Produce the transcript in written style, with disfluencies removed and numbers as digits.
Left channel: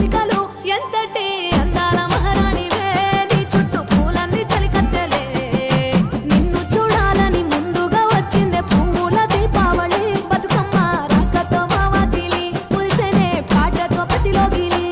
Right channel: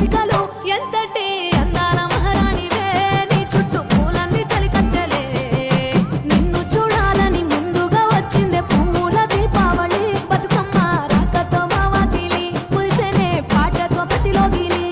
రవికలు ఎంతటి అందాల మహారాణివే నీ చుట్టూ పూలన్నీ చలికత్తెలే నిన్ను చూడాలని ముందుగా వచ్చిందే పువ్వుల దీపావళి బతుకమ్మ రాకతో మావాతిలి మురిసెనే పాటతో ప్రతిలోగిలి